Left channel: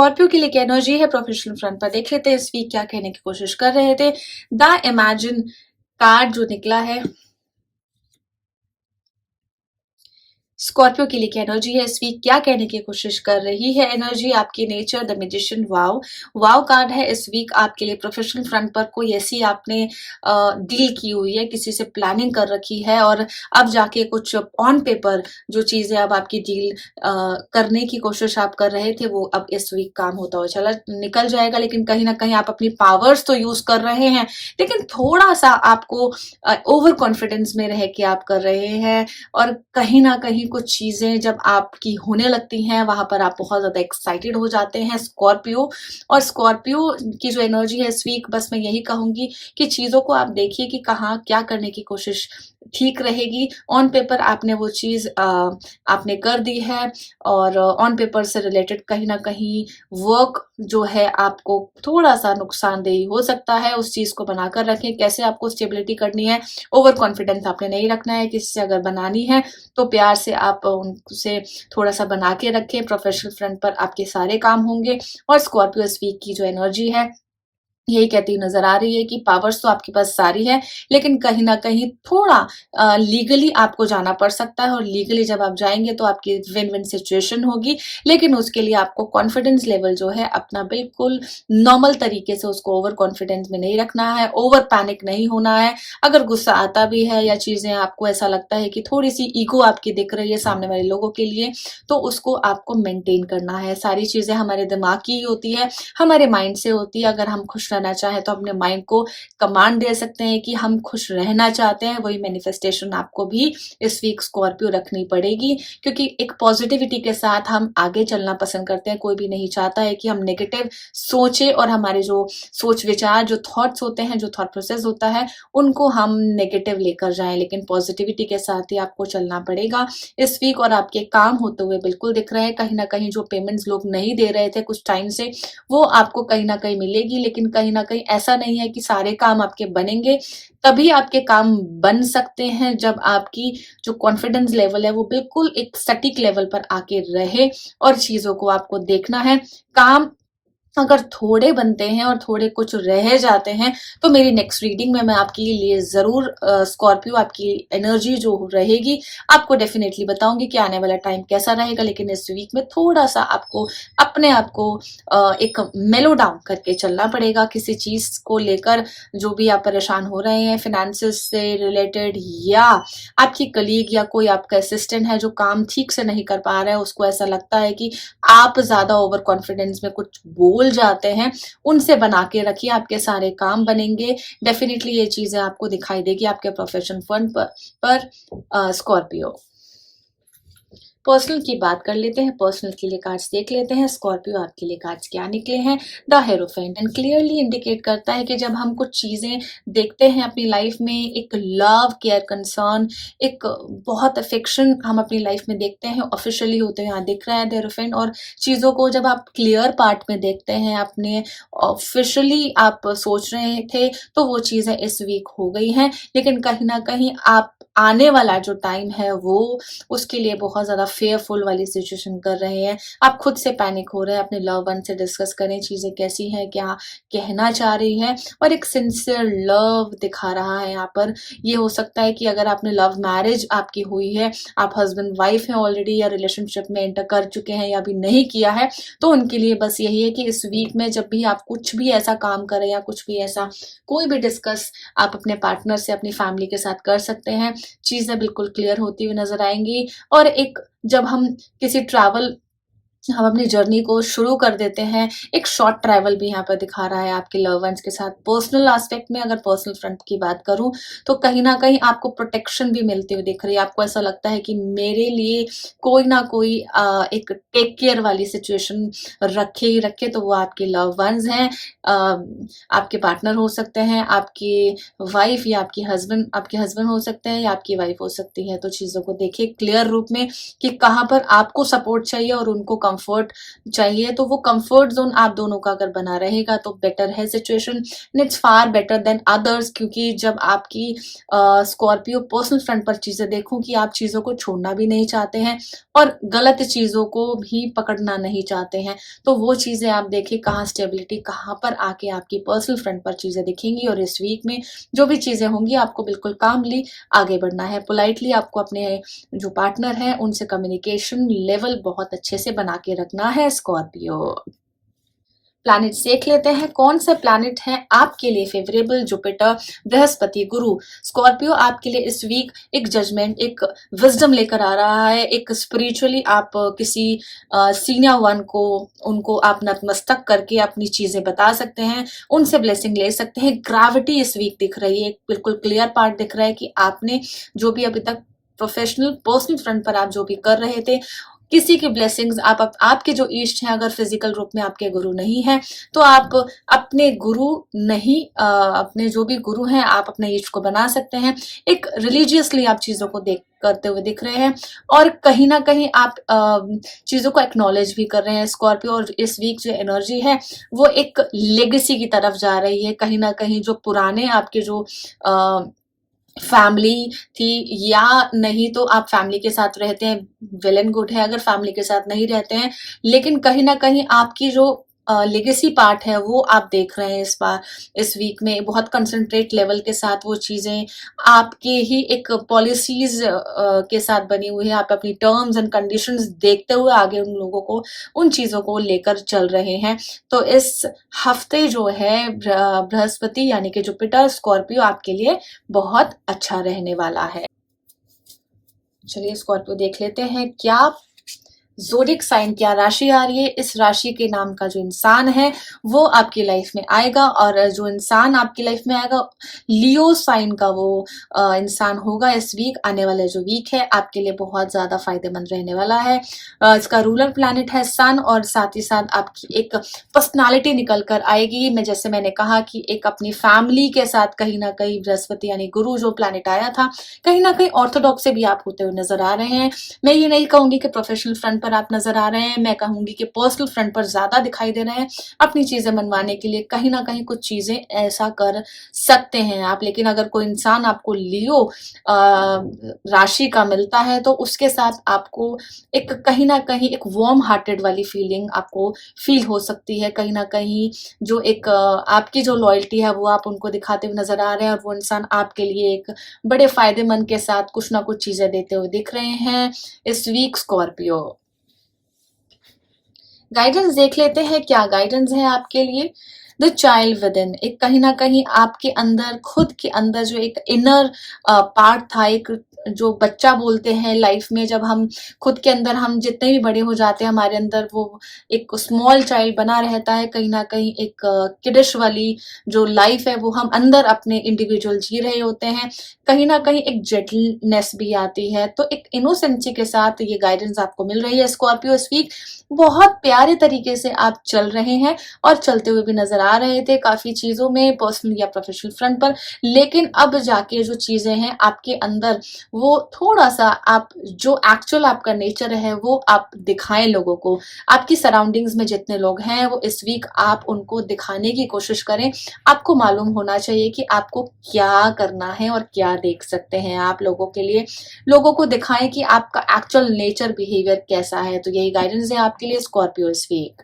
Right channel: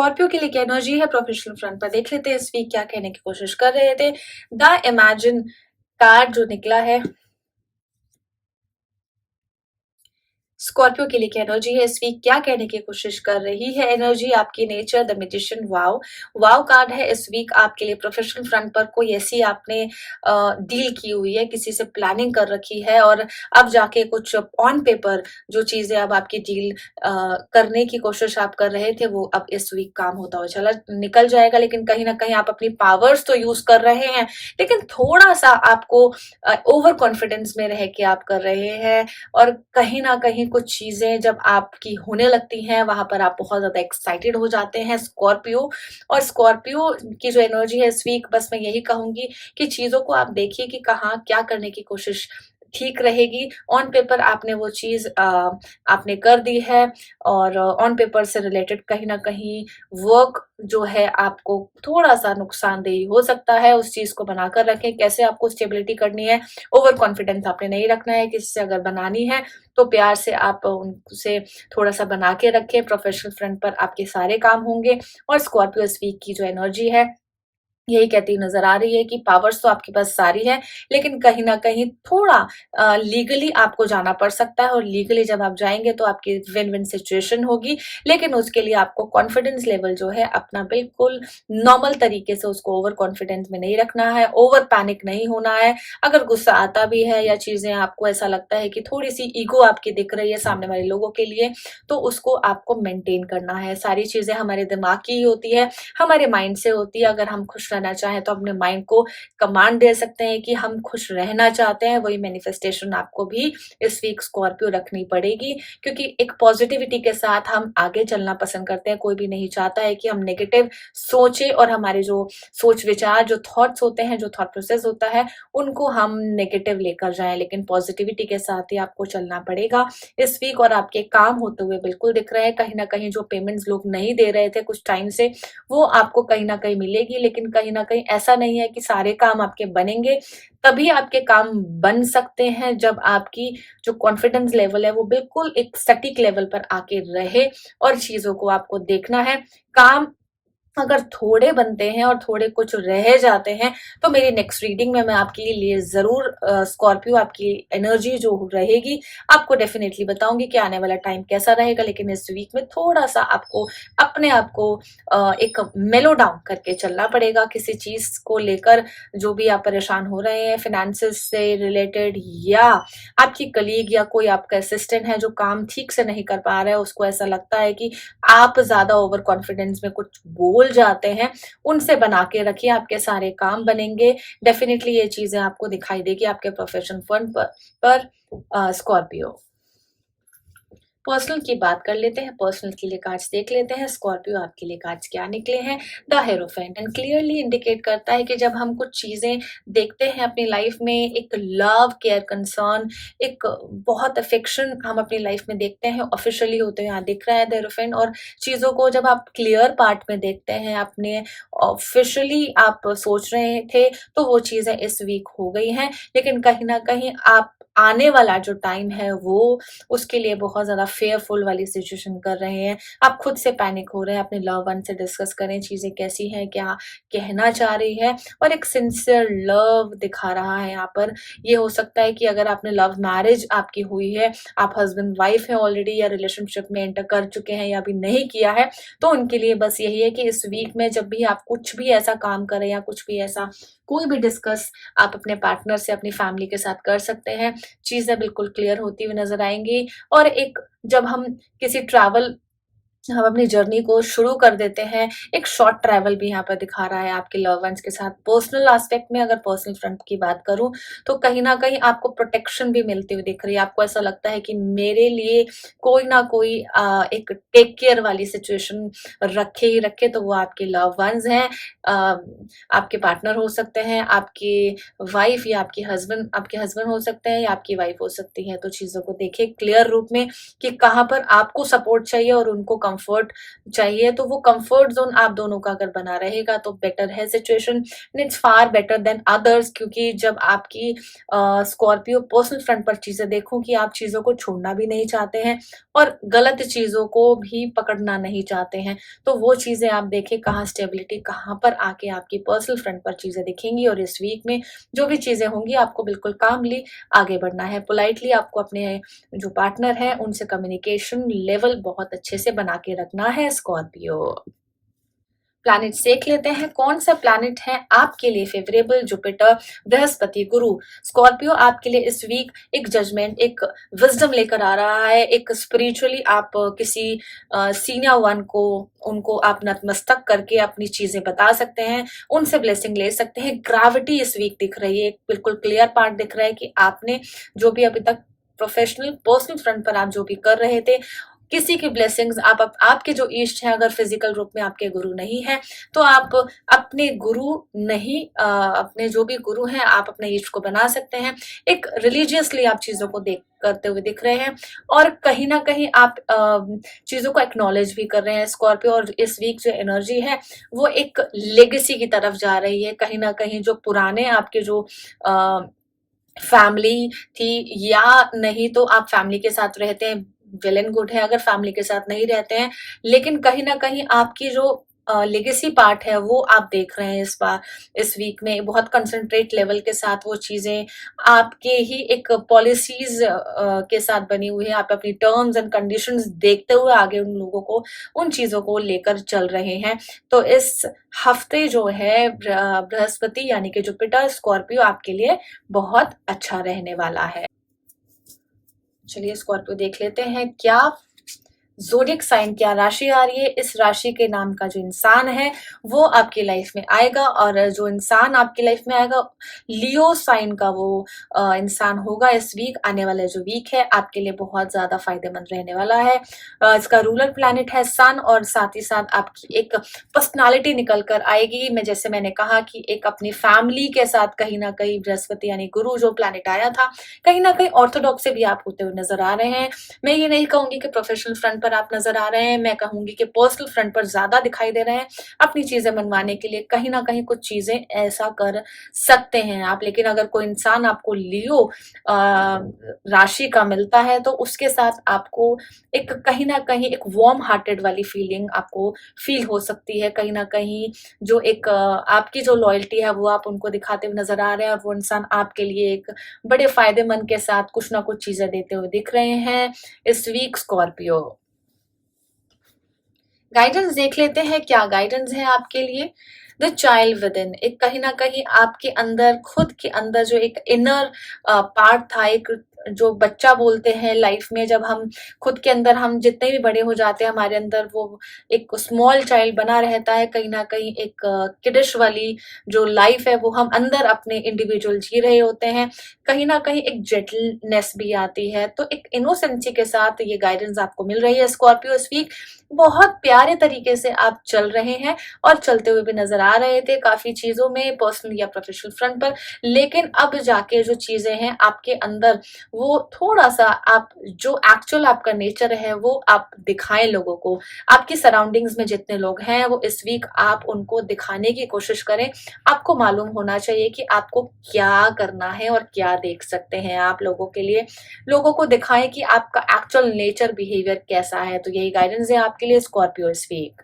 Scorpio के लिए क्या एनर्जी है प्रोफेशनल फ्रंट पर देख लेते हैं इस वीक क्या कहने की कोशिश कर रहे थे। द इमेजिन कार्ड जो निकला है स्कॉर्पियो के लिए क्या एनर्जी है इस वीक क्या कहने की कोशिश कर रही है एनर्जी आपकी nature the magician wow wow card है इस वीक आपके लिए प्रोफेशनल फ्रंट पर कोई ऐसी आपने डील की हुई है किसी से प्लानिंग कर रखी है और अब जाके कुछ ऑन पेपर जो चीजें अब आपकी डील करने की कोशिश आप कर रहे थे वो अब इस वीक काम होता हुआ चला निकल जाएगा। लेकिन कहीं ना कहीं आप अपनी पावर्स तो यूज कर रहे हैं लेकिन थोड़ा सा आपको ओवर कॉन्फिडेंस में रह के आप कर रहे हैं और कहीं ना कहीं कुछ चीजें जब आपकी होने लगती हैं वहां पर आप बहुत ज्यादा एक्साइटेड हो जाते हैं स्कॉर्पियो। और स्कॉर्पियो की जो एनर्जी है इस वीक बस मैं यही कहूंगी कि चीजों को आप देखिए कि कहाँ क्या करने की कोशिश ठीक रहेगी। ऑन पेपर आपने वो चीज आपने कर दी है और ऑन पेपर से रिलेटेड कहीं ना कहीं वर्क जो है आपको थोड़ा सा नुकसानदेही हो सकता है। उस चीज को बनाकर रखें कैसे आपको स्टेबिलिटी करनी है। ओवर कॉन्फिडेंस आपने नहीं रखना है किसी से अगर बनानी है तो प्यार से आप उनसे थोड़ा सा बना के रखें। प्रोफेशनल फ्रंट पर आपके सारे काम होंगे। और स्कॉर्पियो इस वीक की जो एनर्जी है यही कहती नजर आ रही है कि पावर्स तो आपके पास सारी है लेकिन कहीं ना कहीं थोड़ा लीगली आपको जाना पड़ सकता है और लीगली जब आप जाएंगे तो आपकी विन विन सिचुएशन होगी। लेकिन उसके लिए आपको कॉन्फिडेंस लेवल जो है अपना बिल्कुल नॉर्मल तरीके से उसको ओवर कॉन्फिडेंस में नहीं रखना है। ओवर पैनिक नहीं होना है। अगर गुस्सा आता भी है या चीजें आपको ऐसा लगता है कि थोड़ी सी ईगो आपकी दिख रही है सामने वाले लोगों के लिए तो उसको आपको मेंटेन करना है। सारी चीजें हमारे दिमाग की ही होती है हमारे माइंड से होती है। अगर हम खुश रहना चाहें तो अपने माइंड को कमांड दे सकते हैं कि हम खुश रहना चाहते हैं। वही मैनिफेस्टेशन आपको भी इस वीक स्कॉर्पियो रखनी पड़ेगी क्योंकि एक पॉजिटिविटी के साथ हम आगे चलना पसंद करते हैं। कोई भी नहीं चाहता है कि हम नेगेटिव सोचे और हमारे जो सोच विचार जो थॉट्स होते हैं जो थॉट प्रोसेस होता है उनको हम नेगेटिव लेकर जाएं। लेकिन पॉजिटिविटी के साथ ही आपको चलना पड़ेगा इस वीक। और आपके काम होते हुए बिल्कुल दिख रहे हैं। कहीं ना कहीं जो पेमेंट्स लोग नहीं दे रहे थे कुछ टाइम से वो आपको कहीं ना कहीं मिलेगी। लेकिन कहीं ना कहीं ऐसा नहीं है कि सारे काम आपके बनेंगे। तभी आपके काम बन सकते हैं जब आपकी जो कॉन्फिडेंस लेवल है वो बिल्कुल एक सटीक लेवल पर आके रहे। और चीजों को आपको देखना है। काम अगर थोड़े बनते हैं और थोड़े कुछ रह जाते हैं तो मेरी नेक्स्ट रीडिंग में मैं आपके लिए जरूर स्कॉर्पियो आपकी एनर्जी जो रहेगी आपको डेफिनेटली बताऊंगी कि आने वाला टाइम कैसा रहेगा। लेकिन इस वीक में थोड़ा सा आपको अपने आप को एक मेलो डाउन करके चलना पड़ेगा किसी चीज को लेकर। जो भी आप परेशान हो रहे हैं फाइनेंसेस से रिलेटेड या आपकी कलीग या कोई आपका असिस्टेंट है जो काम ठीक से नहीं कर पा रहा है उसको ऐसा लगता है कि आप ज्यादा ओवर कॉन्फिडेंस में कुछ बोल जाते हैं उनसे बना के रखिए आपके सारे काम बनेंगे। डेफिनेटली ये चीजें आपको दिखाई देगी आपके प्रोफेशन फंड पर स्कॉर्पियो। पर्सनल की बात कर लेते हैं। पर्सनल के लिए कार्ड्स देख लेते हैं स्कॉर्पियो आपके लिए कार्ड्स क्या निकले हैं। The hierophant and clearly indicate करता है कि जब हम कुछ चीजें देखते हैं अपनी लाइफ में एक लव केयर कंसर्न एक बहुत अफेक्शन हम अपनी लाइफ में देखते हैं ऑफिशियली होते हैं यहाँ दिख रहा है द हेरोफेंट। और चीजों को जब आप क्लियर पार्ट में देखते हैं अपने ऑफिशियली आप सोच रहे थे तो वो चीजें इस वीक हो गई हैं। लेकिन कहीं ना कहीं आप आने वाला जो टाइम है वो उसके लिए बहुत ज्यादा फेयरफुल वाली सिचुएशन कर रहे हैं। आप खुद से पैनिक हो रहे हैं। अपने लव वन से डिस्कस करें चीजें कैसी हैं क्या कहना चाह रही है। और एक सिंसियर लव दिखा रहा है यहाँ पर। ये हो सकता है कि अगर आपने लव मैरिज आपकी हुई है आप हस्बैंड वाइफ हैं ऑलरेडी या रिलेशनशिप में एंटर कर चुके हैं या अभी नहीं किया है तो उनके लिए बस यही है कि इस वीक में जब भी आप कुछ भी ऐसा काम करें या कुछ भी ऐसा कोई भी डिस्कस आप अपने पार्टनर से अपनी फैमिली के साथ कर सकते हैं। चीजें बिल्कुल क्लियर होती हुई नजर आएंगी। और एक जब हम किसी ट्रैवल हम अपनी जर्नी को शुरू कर देते हैं एक शॉर्ट ट्रैवल भी यहाँ पर दिखा रहा है आपके लव वंस के साथ। पर्सनल एस्पेक्ट में अगर पर्सनल फ्रंट की बात करूं तो कहीं ना कहीं आपको प्रोटेक्शन भी मिलती हुई दिख रही है। आपको ऐसा लगता है कि मेरे लिए कोई ना कोई एक टेक केयर वाली सिचुएशन रखे ही रखे तो वो आपके लव वंस हैं। आपके पार्टनर हो सकते हैं आपकी वाइफ या आपके हस्बैंड हो सकते हैं या आपकी वाइफ हो सकती है। तो चीजों को देखिए क्लियर रूप में कि कहाँ पर आपको सपोर्ट चाहिए और उनको कंफर्ट चाहिए, तो वो कंफर्ट ज़ोन आप दोनों का अगर बना रहेगा तो बेटर है situation, and it's far better than others, क्योंकि जब आपकी स्कॉर्पियो पर्सनल फ्रंट पर चीज़ें देखूँ कि आप चीज़ों को छोड़ना भी नहीं चाहते हैं और गलत चीज़ों को भी पकड़ना नहीं चाहते हैं। तो वो चीज़ें आप देखें कहाँ स्टेबिलिटी कहाँ पर आके आपकी पर्सनल फ्रंट पर चीज़ें दिखेंगी, और इस वीक में जो भी चीज़ें होंगी आपको बिल्कुल कामली आगे बढ़ना है। पोलाइटली आपको अपने जो पार्टनर है उनसे कम्युनिकेशन लेवल बहुत अच्छे से बना के रखना है स्कॉर्पियो। प्लैनेट्स देख लेते हैं कौन सा प्लैनेट है आपके लिए फेवरेबल। जुपिटर, बृहस्पति, गुरु। स्कॉर्पियो आपके लिए इस वीक एक जजमेंट, एक विजडम लेकर आ रहा है। एक स्पिरिचुअली आप किसी सीनियर वन को, उनको आप नतमस्तक करके अपनी चीजें बता सकते हैं, उनसे ब्लेसिंग ले सकते हैं। ग्रेविटी इस वीक दिख रही है, एक बिल्कुल क्लियर पार्ट दिख रहा है कि आपने जो भी अभी तक प्रोफेशनल पर्सनल फ्रंट पर आप जो भी कर रहे थे, किसी की ब्लेसिंग्स आपके जो इष्ट हैं अगर फिजिकल रूप में आपके गुरु नहीं है, तो आप अपने गुरु नहीं अपने जो भी गुरु हैं आप अपने इष्ट को बना सकते हैं। एक रिलीजियसली आप चीजों को देख करते हुए दिख रहे हैं, और कहीं ना कहीं आप चीजों को एक्नॉलेज भी कर रहे हैं स्कॉर्पियो। और इस वीक जो एनर्जी है वो एक लेगेसी की तरफ जा रही है। कहीं ना कहीं जो पुराने आपके जो फैमिली थी, या नहीं तो आप फैमिली के साथ रहते हैं, वेल एंड गुड है। अगर फैमिली के साथ नहीं रहते हैं, लेकिन कहीं ना कहीं आपकी जो लेगेसी पार्ट है वो आप देख रहे हैं इस बार, इस वीक में बहुत कंसंट्रेट लेवल के साथ वो चीजें आपके ही एक पॉलिसीज के साथ बनी हुई है। आप अपनी टर्म्स एंड कंडीशंस देखते हुए आगे उन लोगों को, उन चीजों को लेकर चल रहे हैं। तो इस हफ्ते जो है बृहस्पति यानी कि जुपिटर स्कॉर्पियो आपके लिए बहुत अच्छा रहने वाला है। चलिए स्कॉर्पियो देख लेते हैं क्या ज़ोडिएक साइन, क्या राशि आ रही है। इस राशि के नाम का जो इंसान है वो आपकी लाइफ में आएगा, और जो इंसान आपकी लाइफ में आएगा लियो साइन का वो इंसान होगा। इस वीक आने वाले जो वीक है आपके लिए बहुत ज्यादा फायदेमंद रहने वाला है। इसका रूलर प्लैनेट है सन, और साथ ही साथ आपकी एक पर्सनालिटी निकल कर आएगी। मैं जैसे मैंने कहा कि एक अपनी फैमिली के साथ कहीं ना कहीं बृहस्पति यानी गुरु जो प्लैनेट आया था, कहीं ना कहीं ऑर्थोडॉक्स से भी आप होते हुए नजर आ रहे हैं। मैं ये नहीं कहूंगी कि प्रोफेशनल फ्रंट पर आप नजर आ रहे हैं, मैं कहूंगी कि पर्सनल फ्रंट पर ज्यादा दिखाई दे रहे हैं। अपनी चीजें मनवाने के लिए कहीं ना कहीं कुछ चीजें ऐसा कर सकते हैं आप। लेकिन अगर कोई इंसान आपको लियो राशि का मिलता है तो उसके साथ आपको एक कहीं ना कहीं एक वार्म हार्टेड वाली फीलिंग आपको फील हो सकती है। कहीं ना कहीं जो एक आपकी जो लॉयल्टी है वो आप उनको दिखाते हुए नजर आ रहे हैं, और वो इंसान आपके लिए एक बड़े फायदेमंद के साथ कुछ ना कुछ चीजें देते हुए दिख रहे हैं इस वीक स्कॉर्पियो। गाइडेंस देख लेते हैं क्या गाइडेंस है आपके लिए। द चाइल्ड विद इन, एक कहीं ना कहीं आपके अंदर, खुद के अंदर जो एक इनर पार्ट था, एक जो बच्चा बोलते हैं लाइफ में, जब हम खुद के अंदर, हम जितने भी बड़े हो जाते हैं हमारे अंदर वो एक स्मॉल चाइल्ड बना रहता है। कहीं ना कहीं एक किडिश वाली जो लाइफ है वो हम अंदर अपने इंडिविजुअल जी रहे होते हैं। कहीं ना कहीं एक जेंटलनेस भी आती है, तो एक इनोसेंसी के साथ ये गाइडेंस आपको मिल रही है स्कॉर्पियो इस वीक। बहुत प्यारे तरीके से आप चल रहे हैं और चलते हुए भी नजर आ रहे थे काफी चीजों में, पर्सनल या प्रोफेशनल फ्रंट पर। लेकिन अब जाके जो चीजें हैं आपके अंदर, वो थोड़ा सा आप जो एक्चुअल आपका नेचर है वो आप दिखाएं लोगों को। आपकी सराउंडिंग्स में जितने लोग हैं वो इस वीक आप उनको दिखाने की कोशिश करें। आपको मालूम होना चाहिए कि आपको क्या करना है और क्या देख सकते हैं आप लोगों के लिए। लोगों को दिखाएं कि आपका एक्चुअल नेचर बिहेवियर कैसा है। तो यही गाइडेंस है आपके लिए स्कॉर्पियो इस वीक।